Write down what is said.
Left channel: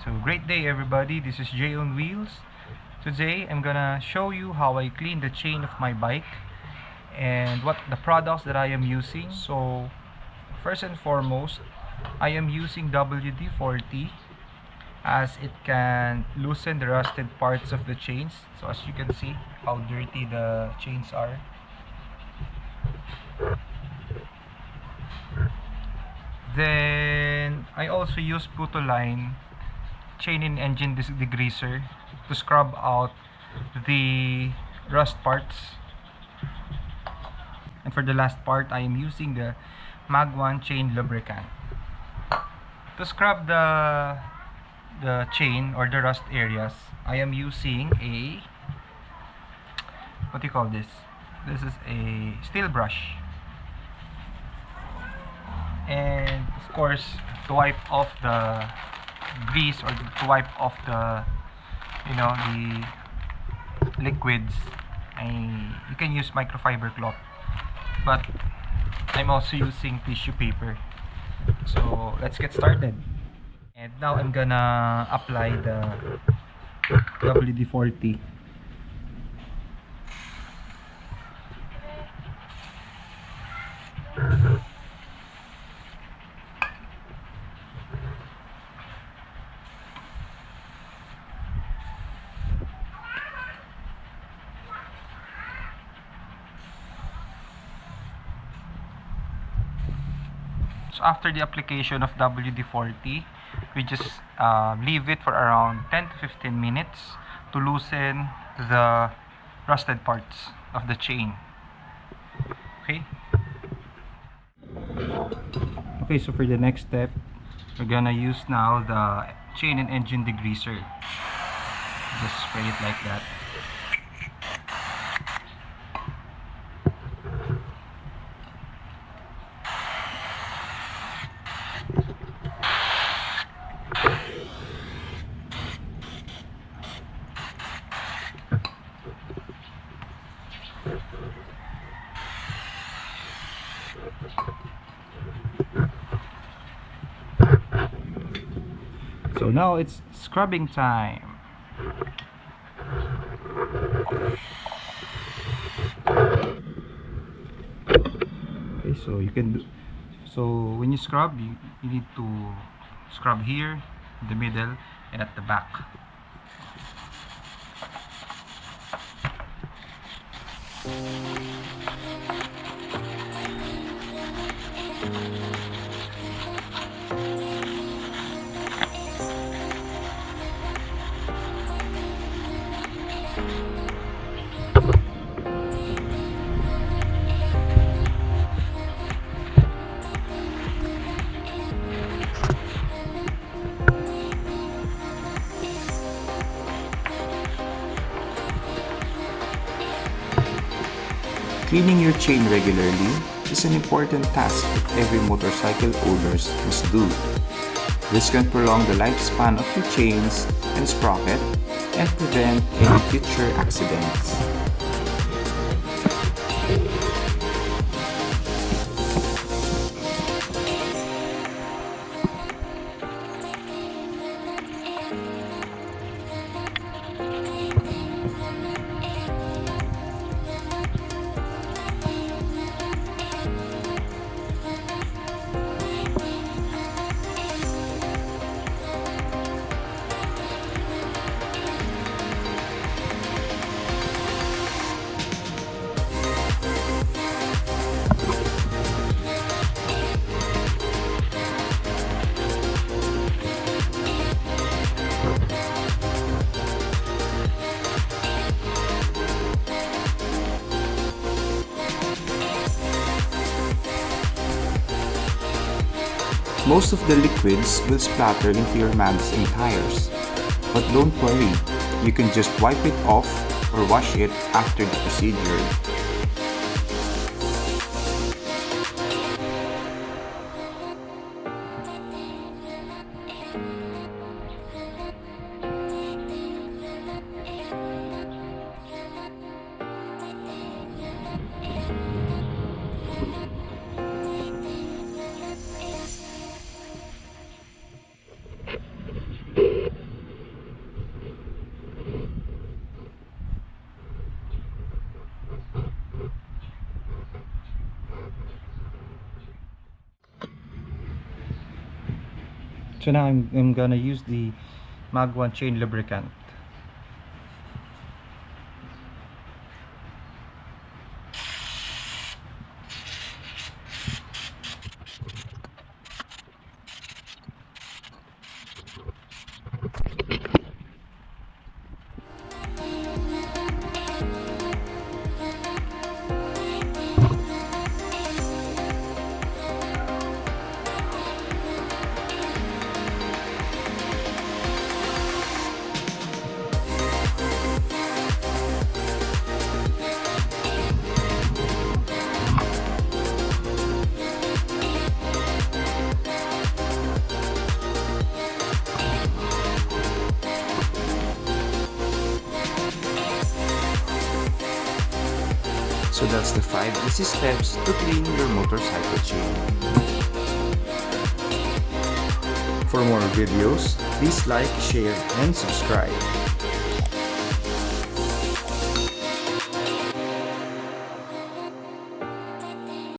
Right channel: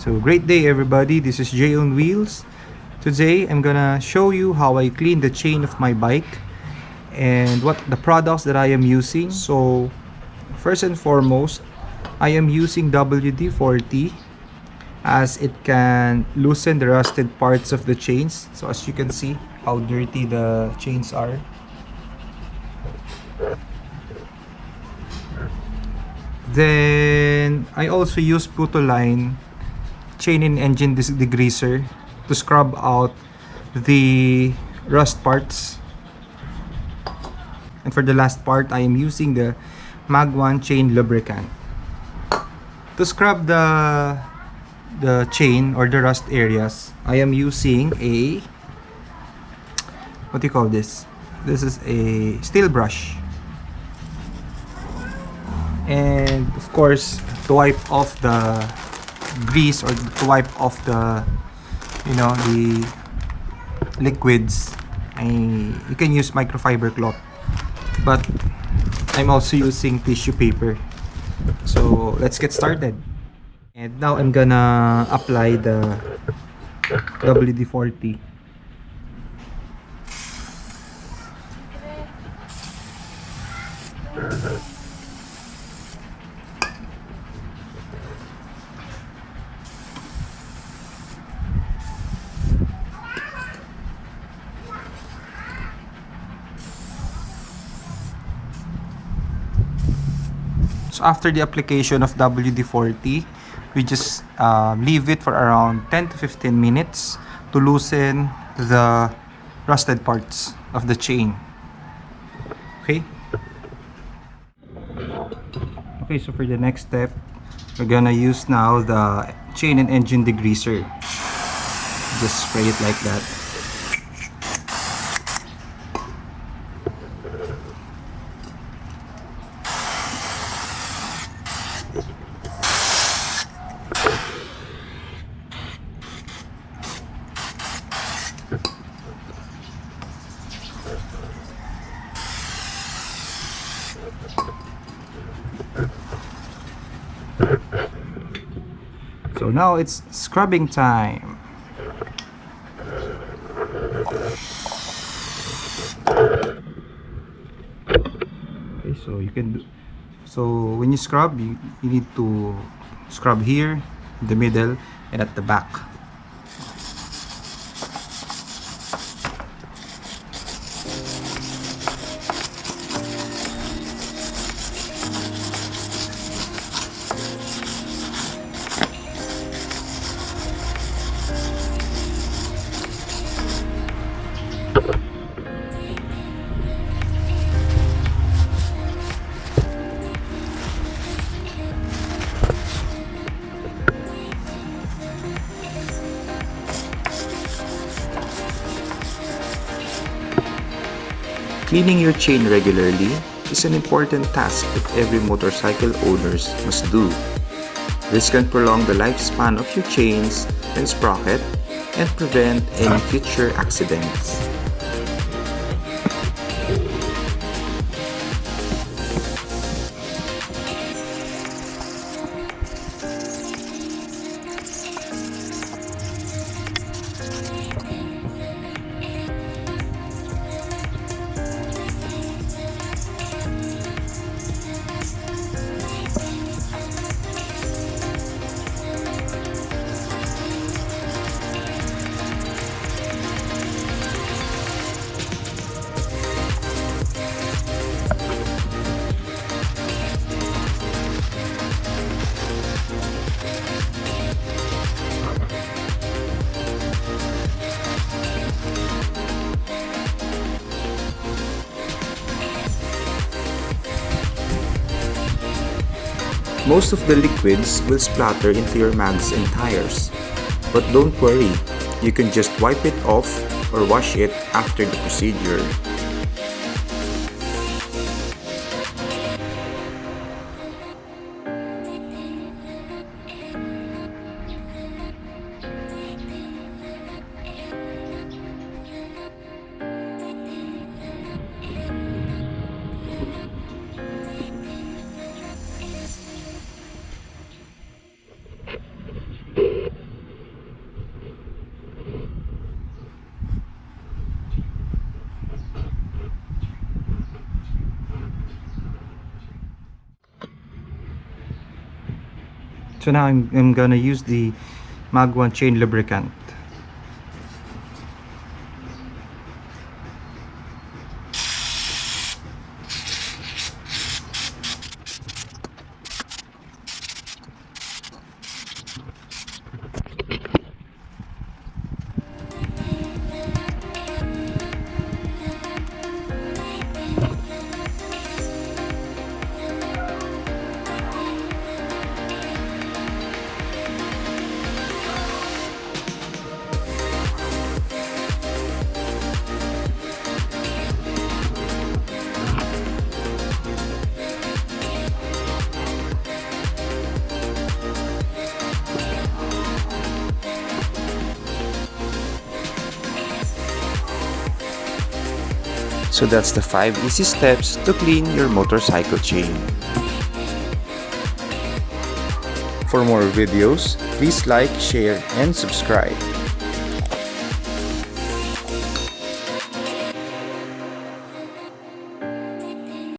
So great day everybody, this is Jay on Wheels. Today I'm gonna show you how I clean the chain of my bike and what the products that I am using. So first and foremost, I am using WD40 as it can loosen the rusted parts of the chains. So as you can see how dirty the chains are. Then I also use Putoline chain and engine degreaser to scrub out the rust parts. And for the last part, I am using the Mag 1 chain lubricant to scrub the chain or the rust areas. I am using a, what do you call this? This is a steel brush, and of course to wipe off the grease or to wipe off the the liquids, you can use microfiber cloth, but I'm also using tissue paper. So let's get started. And now I'm gonna apply the WD-40. So after the application of WD-40, we just leave it for around 10 to 15 minutes to loosen the rusted parts of the chain. Okay? Okay, so for the next step, we're gonna use now the chain and engine degreaser. Just spray it like that. So now it's scrubbing time. Okay, so you can do, so when you scrub, you need to scrub here, in the middle, and at the back. Cleaning your chain regularly is an important task that every motorcycle owners must do. This can prolong the lifespan of your chains and sprocket and prevent any future accidents. Most of the liquids will splatter into your mags and tires, but don't worry, you can just wipe it off or wash it after the procedure. So now I'm gonna use the Mag 1 chain lubricant. So that's the 5 easy steps to clean your motorcycle chain. For more videos, please like, share, and subscribe.